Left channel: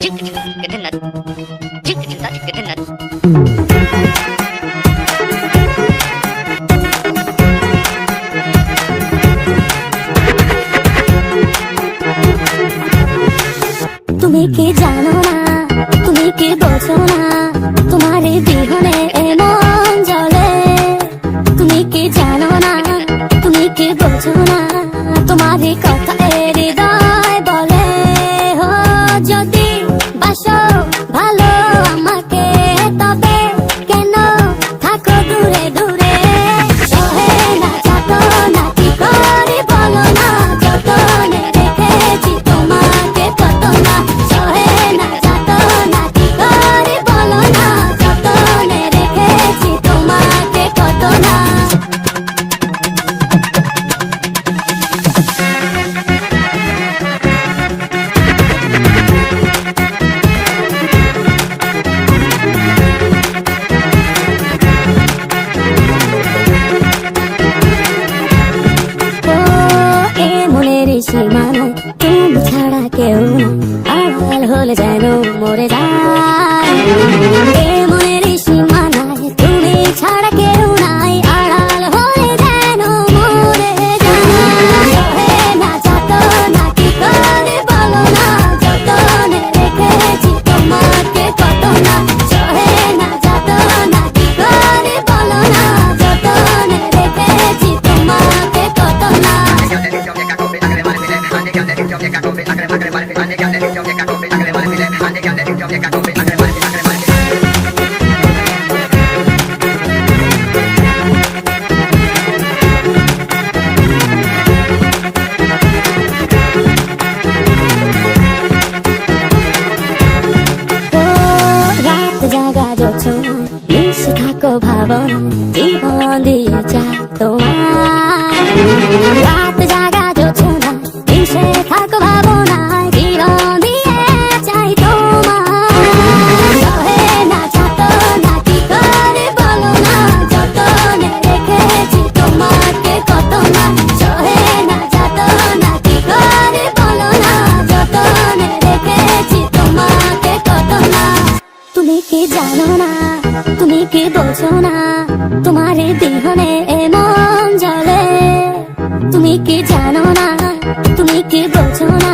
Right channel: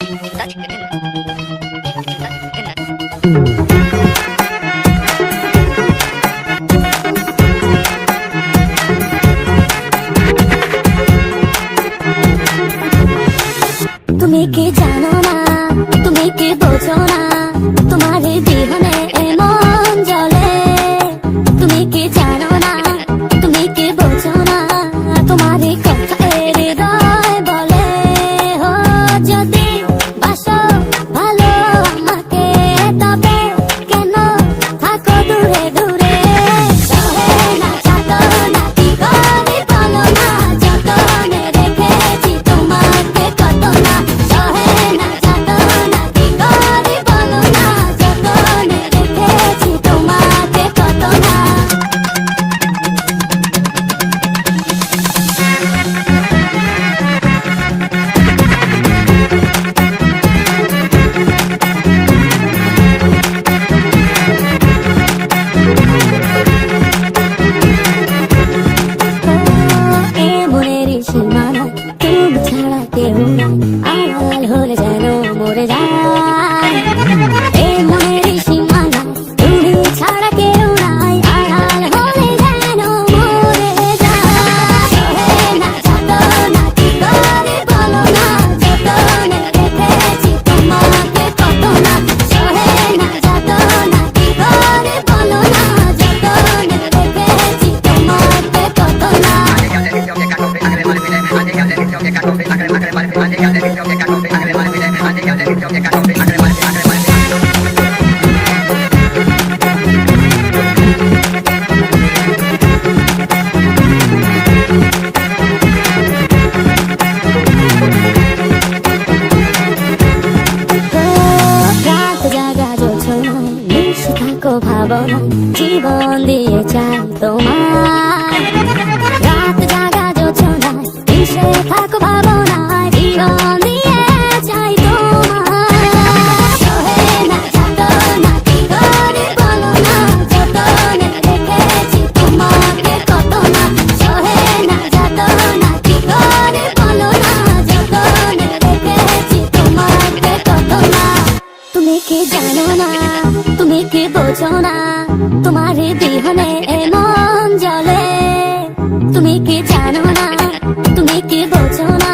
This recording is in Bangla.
তুমি কি জানো না, তুমি কি বোঝো না, তোমার বিহনে মন জ্বলে। তুমি কি জানো না, তুমি কি বোঝো না, তোমারই কথা হৃদয় বলে। ও যদি বাসো ভালো আমাকে, তবে কেন থাকো দূরে দূরে। সহে না যত না ঘরে বলো না, যতনে রেখেছি তোমাকে কত না। সহে না যত না ঘরে বলো না, যতনে রেখেছি তোমাকে কত না। মনের সীমানা তুমি ছাড়া কেউ আড়াল হলে যেন মরে যায়। এই মনের সীমানায় তুমি ছাড়া কেউ নাই, আড়াল হলে যেন মরে যায়। সহে না যত না ঘরে বলো না, যতনে রেখেছি তোমাকে কত না। সহে না যত না ঘরে বলো না, যতনে রেখেছি তোমাকে কত না। থাকো ভাবনা জীবন দিয়ে চাই তোমার। রাত জাগা যোচনা এসে থাকো ভাবনা জীবন দিয়ে চাই তোমার। সহে না যত না ঘরে বলো না, যতনে রেখেছি তোমাকে কত না। সহে না যত না ঘরে বলো না, যতনে রেখেছি তোমাকে কত না। তুমি কি জানো না, তুমি কি বোঝো না, তোমার বিহনে মন জ্বলে। তুমি কি জানো না, তুমি কি বোঝো না,